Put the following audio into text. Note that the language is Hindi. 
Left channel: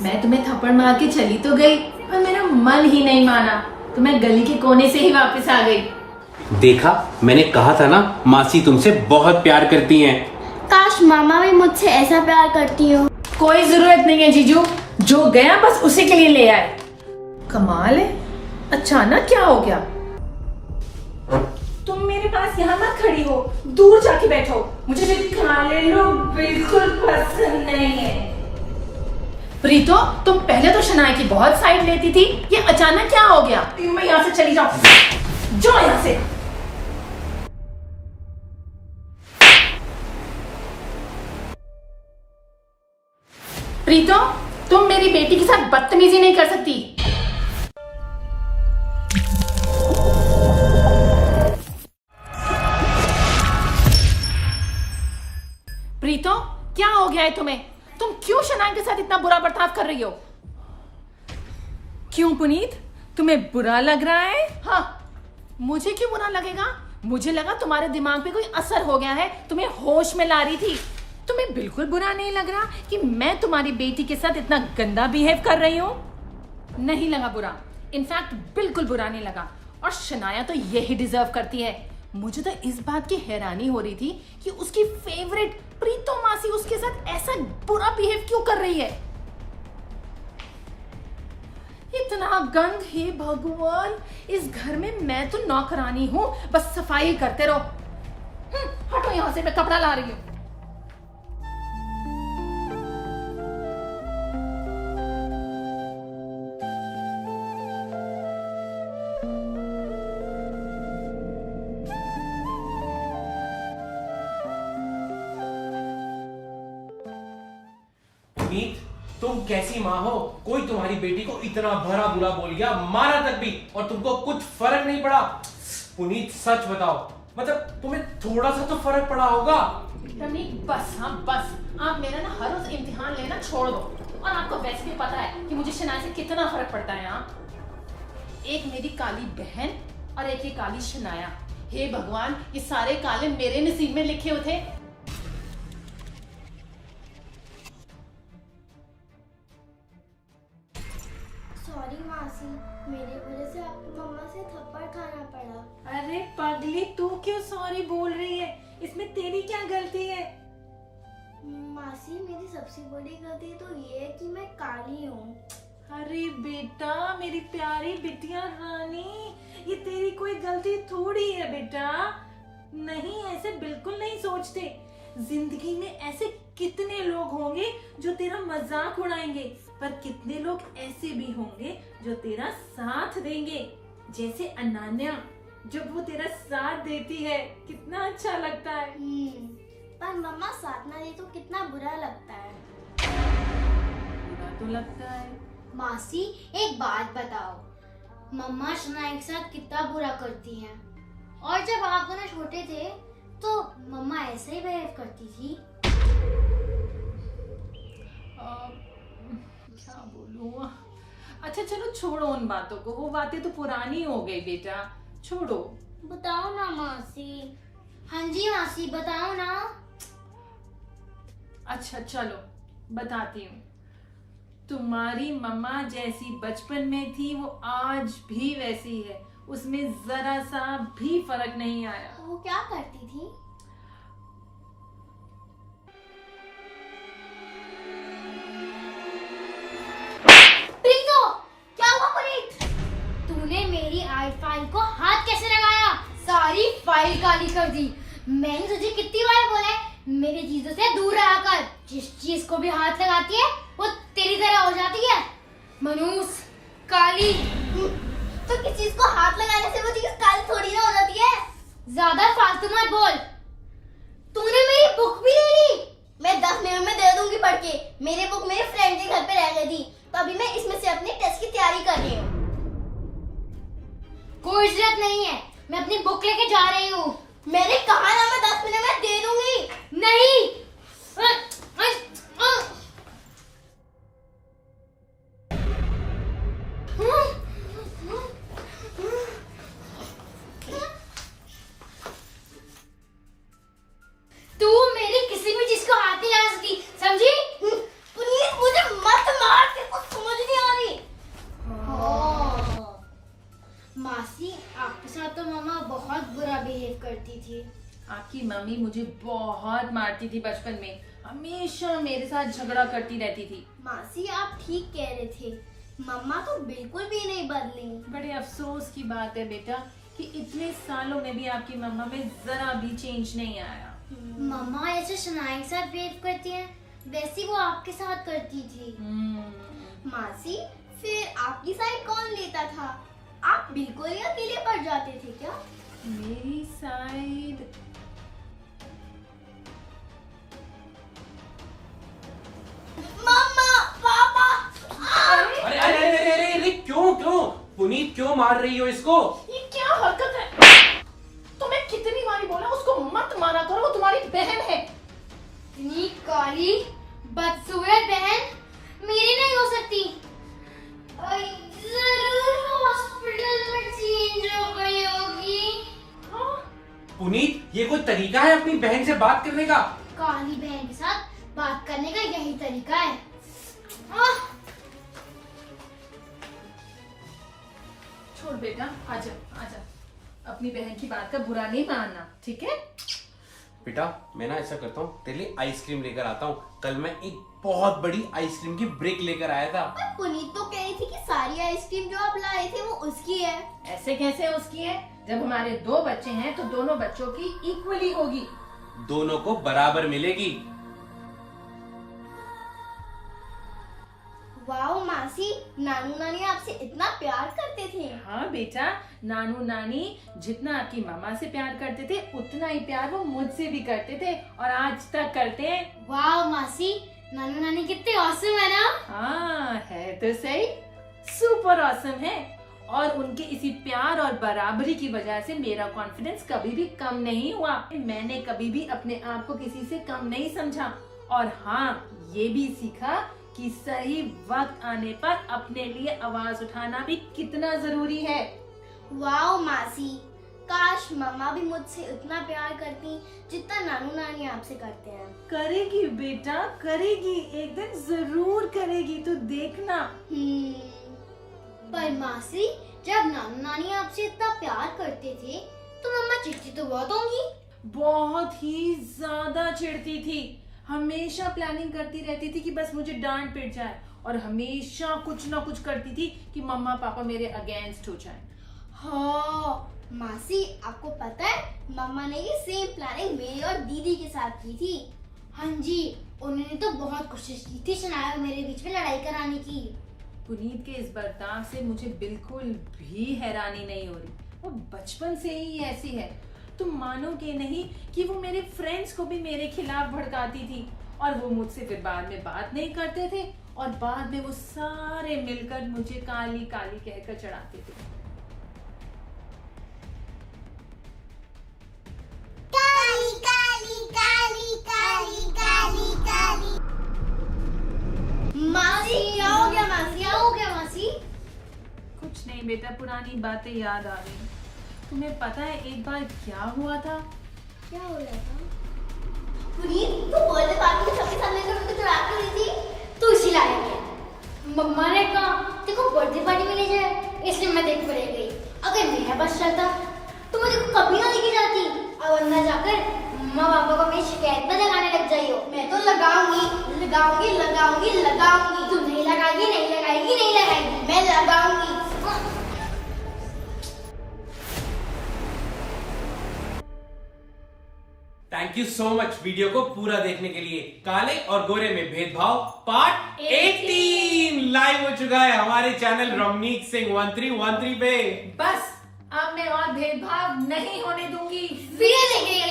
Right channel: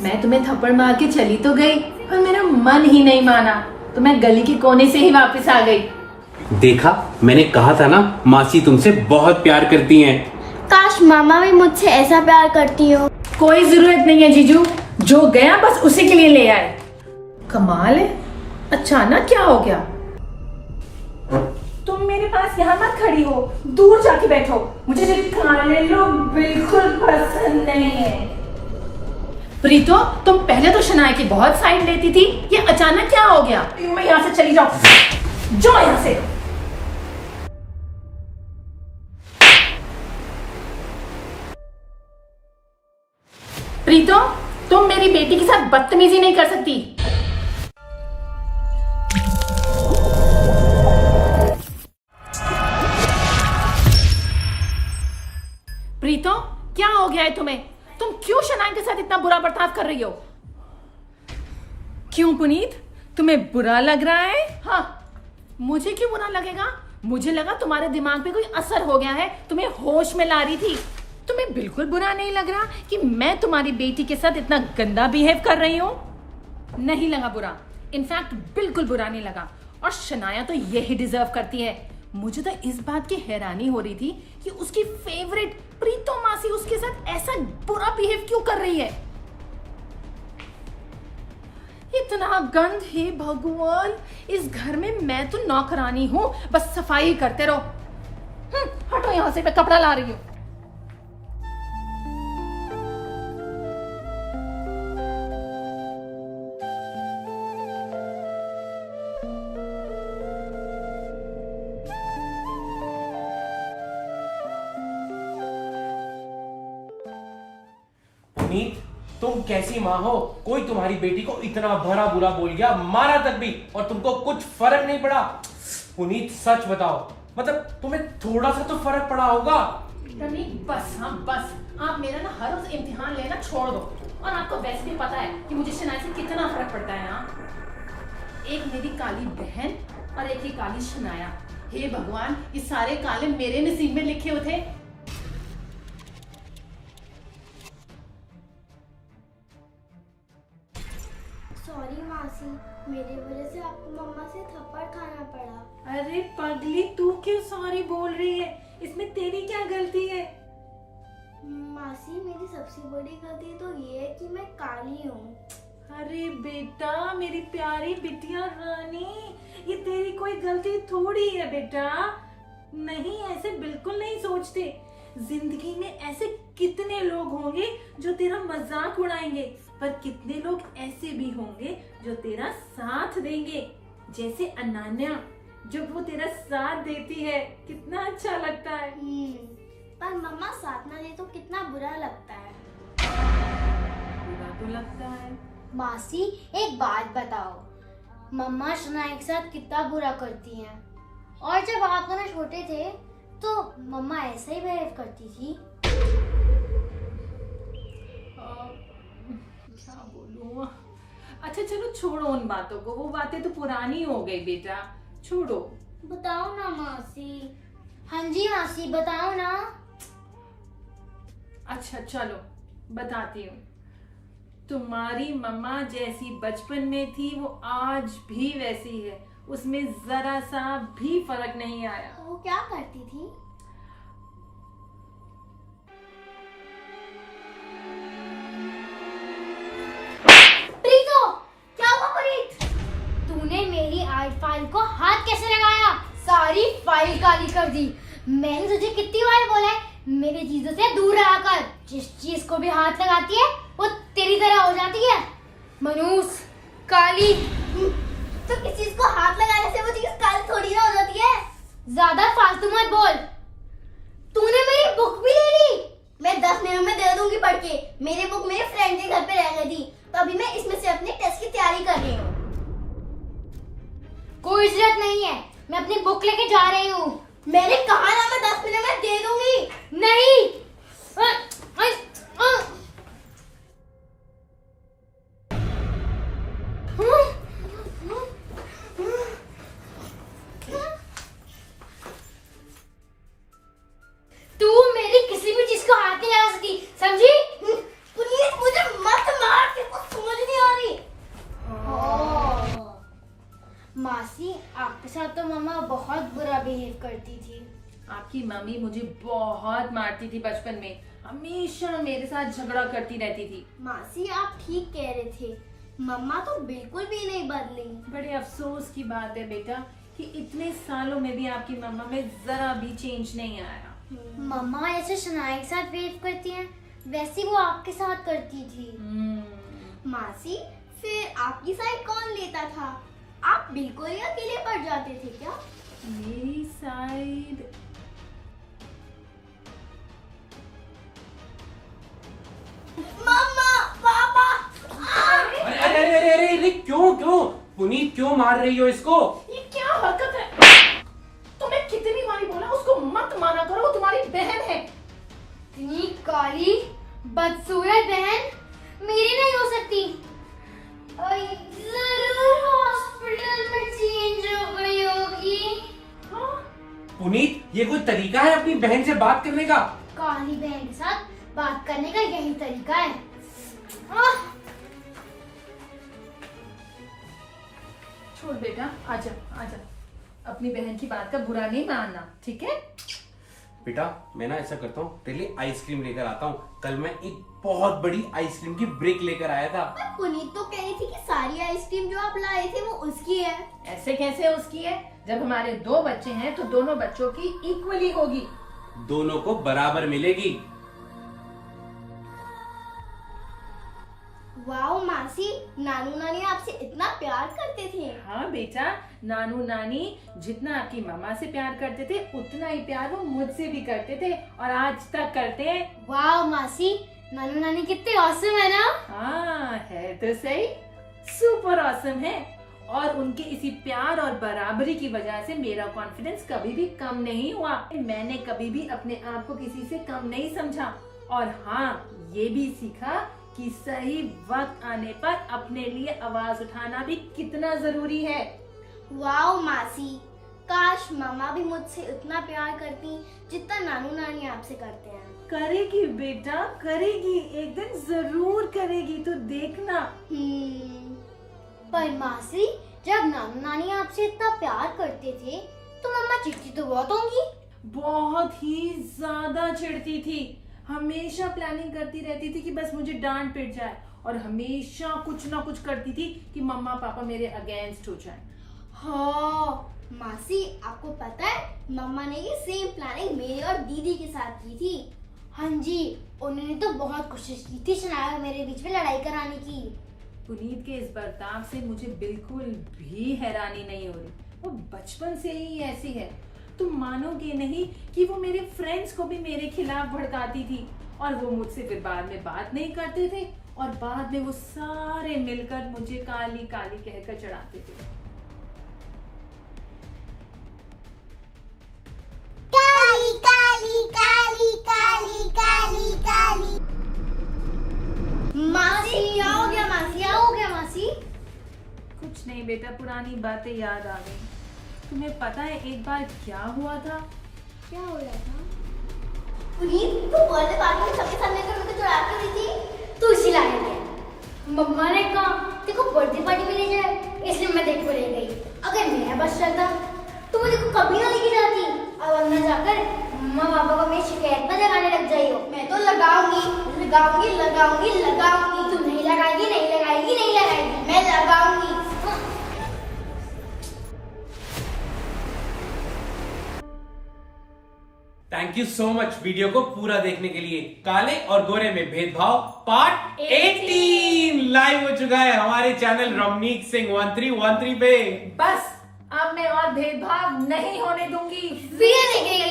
मैं तुम्हें थप्पड़ मार के चली तो गई, पर मेरा मन ही नहीं माना, तो मैं गली के कोने से ही वापस आ गई। देखा, मैंने कहा था ना, मासी तुमसे बहुत प्यार करती हैं। काश मामा भी मुझसे ऐसा प्यार करती हो। कोई जरूरत नहीं है जीजू, जो गया बस उसी के लिए ले आए। कमाल है, अचानक क्या हो गया? तुम मेरे पास यहाँ मत खड़ी हो, दूर जाके बैठो। मुझे काले लोग बिल्कुल पसंद नहीं है। प्रीतो, तुम पहले तो शनाया की बहुत साइड लेती थी, ये अचानक क्या हो गया? मैं यहाँ से चली जाओ, जाओ यहाँ से। प्रीतो, तुम मेरी बेटी के साथ बदतमीजी नहीं कर सकती। प्रीतो, क्या हो गया है तुम्हें? तुम क्यों शनाया के साथ इतना बुरा बर्ताव कर रही हो? क्यों पुनीत, तुम्हें बुरा लग रहा है? हाँ, मुझे क्यों बुरा लगेगा? मुझे लगा तुम्हारे दिमाग पे कोई असर हो गया है, तुम्हें होश में ला रही थी। तुम्हें बिल्कुल बुरा नहीं लग रहा कि मैं तुम्हारी बेटी के साथ इतना गंदा बिहेव कर रही हूँ? नहीं लगा बुरा, इनफैक्ट बिल्कुल बुरा नहीं लगा। और शनाया तो यही डिजर्व करती है। मुझे तो इस बात की हैरानी हो रही थी कि उसकी फेवरेट प्रीतो मासी उसके साथ ऐसा बुरा बिहेव क्यों कर रही है। इतना गंद, हे भगवान, इस घर में मैं तो नौकरानी हूं, बस सफाई करते रहो। हटो यहां से, मैं कपड़ा ला रही हूं। पुनीत, तुम कैसी माँ हो? कोई तुम्हारी बेटी को इतना भरा बुरा बोल गया, मारा तक भी, और तुमको कुछ फर्क नहीं पड़ा? पुनीत सच बताओ, मतलब तुम्हें थोड़ा सा तो फर्क पड़ा होगा। रवि बस, हाँ बस, आप मेरा ना हर रोज इम्तिहान लेना छोड़ दो। और आपको वैसे भी पता है कि मुझे शनाया से कितना फर्क पड़ता है। हाँ, एक मेरी काली बहन और एक ही काली शनाया। हे भगवान, ये सारे काले मेरे नसीब में लिखे हुए थे। सॉरी मासी, मेरी वजह से आपको मम्मा से थप्पड़ खाना पड़ा। अरे पगली, तू क्यों सॉरी बोल रही है? इसमें तेरी क्या गलती है? मासी, मेरी सबसे बड़ी गलती तो ये है कि मैं काली हूँ। अरे बेटा, मेरी प्यारी बिटिया रानी, ये तेरी कोई गलती थोड़ी है बेटा। नहीं, ऐसे बिल्कुल नहीं सोचते। जिंदगी में ऐसे कितने लोग होंगे जो तेरा मजाक उड़ाएंगे, पर कितने लोग ऐसे भी होंगे जो तेरा साथ देंगे। जैसे अनन्या, जब वो तेरा साथ देती है कितना अच्छा लगता है। पर मम्मा साथ ना दे तो कितना बुरा लगता है। बुरा तो लगता है। मासी, एक बात बताओ, मम्मा शनाया के साथ कितना बुरा करती हैं, और जब आप दोनों छोटे थे तो मम्मा ऐसे ही बिहेव करती थी। क्या बोलूं? अच्छा चलो, छोड़ो उन बातों को, वो बातें तो पुरानी हो गई बेटा, छोड़ो। बताओ ना मासी। हाँ जी मासी, बताओ ना। अच्छा चलो, बताती हूँ। तुम्हारी मम्मा जैसी बचपन में थी वो आज भी वैसी है, उसमें जरा सा भी फर्क नहीं आया। वो क्या करती थी? प्रीतो, क्या हुआ प्रीत? तूने मेरी आर्ट फाइल को हाथ कैसे लगाया? सारी फाइल काली कर दी। मैंने तुझे कितनी बार बोला है मेरे चीजों से दूर रहा कर। जिस चीज को भी हाथ लगाती है वो तेरी तरह हो जाती है। मनूस, काली। तो किस चीज को हाथ लगाने से वो चीज काली थोड़ी ना हो जाती है। ज्यादा फालतू मत बोल। तूने मेरी बुक भी ले ली। मैं 10 मिनट में दे दूंगी पढ़ के। मेरी बुक मेरे फ्रेंड के घर पे रह गई थी, तो अभी मैं इसमें से अपने टेस्ट की तैयारी कर रही हूँ। कोई जरूरत नहीं है, मैं अपनी बुक लेके जा रही हूँ। मैंने कहा ना, मैं 10 मिनट में दे दूंगी। नहीं। तू मेरी किसी भी चीज को हाथ नहीं लगा सकती, समझी? प्लीज मुझे मत मार। करती थी। आपकी मम्मी मुझे बहुत मारती थी बचपन में, हमेशा मेरे साथ झगड़ा करती रहती थी। मासी आप ठीक कह रहे थे, मम्मा तो बिल्कुल भी नहीं बदली। बड़े अफसोस की बात है बेटा कि इतने सालों में भी आपकी मम्मा में जरा भी चेंज नहीं आया। मम्मा ऐसे शनाया के साथ वेव करती हैं, वैसे वो आपके साथ करती थी। मासी फिर आपकी साइड कौन लेता था? आप बिल्कुल ही अकेले पड़ जाते थे क्या? मेरी साइड मम्मा, पापा। अरे अरे अरे अरे अरे अरे, क्यों क्यों पुनीत, क्यों मार रही हो इसको? ये क्या हरकत है? तुम्हें कितनी बारी बोला उसको मत मारा करो, वो तुम्हारी बहन है। इतनी काली बदसूरत बहन मेरी नहीं हो सकती। जरूर हॉस्पिटल में चेंज हो गई होगी। पुनीत, ये कोई तरीका है अपनी बहन से बात करने का? काली बहन के साथ बात करने का यही तरीका है। आह! छोड़ बेटा, आजा आजा, अपनी बहन की बात का बुरा नहीं मानना, ठीक है? बेटा मैं ना ऐसा करता हूँ, तेरे लिए आइसक्रीम लेकर आता हूँ। कल मैं एक बहुत बड़ी आइसक्रीम की ब्रेक लेकर आया था। पुनीत तो कह रही थी कि सारी आइसक्रीम जो आप लाए थे वो उसकी है। ऐसे कैसे उसकी है? जब हमारे 2 बच्चे हैं तो दोनों बच्चों की इक्वली होगी। दोनों को बराबर मिलेगी। वाओ मासी, नानू नानी आपसे इतना प्यार करते थे। हाँ बेटा, नानू नानी जितना आपकी मामा से प्यार करते थे उतना ही प्यार वो मुझसे भी करते थे और आज तक करते हैं। वाओ मासी, नानू नानी कितने ऑसम है ना। हाँ है तो सही, सुपर ऑसम है। और उनके इसी प्यार और बराबरी की वजह से मेरा कॉन्फिडेंस कभी भी कम नहीं हुआ। मैंने कभी भी अपने आप को किसी से कम नहीं समझा। और हाँ, ये भी सीखा कि सही वक्त आने पर अपने लिए आवाज उठाना भी कितना जरूरी है। वाओ मासी, काश मम्मा भी मुझसे उतना प्यार करती जितना नानू नानी आपसे करते हैं। करेगी बेटा, करेगी, एक दिन जरूर करेगी, तो देखना। पर मासी, जब नानू नानी आपसे इतना प्यार करते थे तो मम्मा चिढ़ती तो बहुत होंगी। बहुत ही ज्यादा चिढ़ती थी, हमेशा प्लानिंग करती रहती थी कि बस मुझे डांट पिट जाए, और हमेशा कुछ ना कुछ करती थी कि मम्मा पापा मेरे अगेंस्ट हो जाए। हाँ मासी, आपको पता है मम्मा ने ये सेम प्लानिंग मेरी और दीदी के साथ की थी। हाँ जी, उन्होंने तो बहुत कोशिश की थी शनाया और मेरे बीच में लड़ाई कराने की। पुनीत के इस बर्ताव से मुझे बिल्कुल भी हैरानी नहीं हो रही, वो बचपन से ही ऐसी है। तुम मानोगे नहीं कि वो मेरे फ्रेंड्स को भी मेरे खिलाफ भड़काती थी, और वो मुझसे फिर बाद में बात नहीं करते थे, और बाद में वो सारे मिलकर मुझे काली काली कहकर चढ़ाते थे। काली काली काली काली काली काली। मासी क्या हो गया? मासी क्या हो गया? मासी कुछ नहीं बेटा, पुरानी बातें याद आ गई। तुम्हें पता है एक बार क्या हुआ था? क्या हो रहा था? पुनीत, तू बर्थडे पार्टी में सबके सामने मेरे को चढ़ा के रही थी, तू इसी लायक है। मम्मा ने कहा देखो बर्थडे पार्टी में ले जाए, इसलिए मैं देखो ले गई। अगर मेरा बस चलता तो मुझे कभी ना लेके जाती। अब अंदर जाकर मम्मा पापा को मेरी शिकायत में लगाने लग जाई हो। मैं तो लगाऊंगी लगाऊंगी लगाऊंगी लगाऊंगी। तू नहीं लगाएगी, नहीं लगाएगी, नहीं लगाएगी, मैं लगाऊंगी। Thank you so much video को पूरा देखने के लिए। काले और गोरे में भेदभाव पार्ट 18 लाइव हो चुका है हमारे चैनल रमनीक सिंह 1313 पे। बस अब मैं और भेदभाव नहीं होने दूंगी। वीडियो देखने के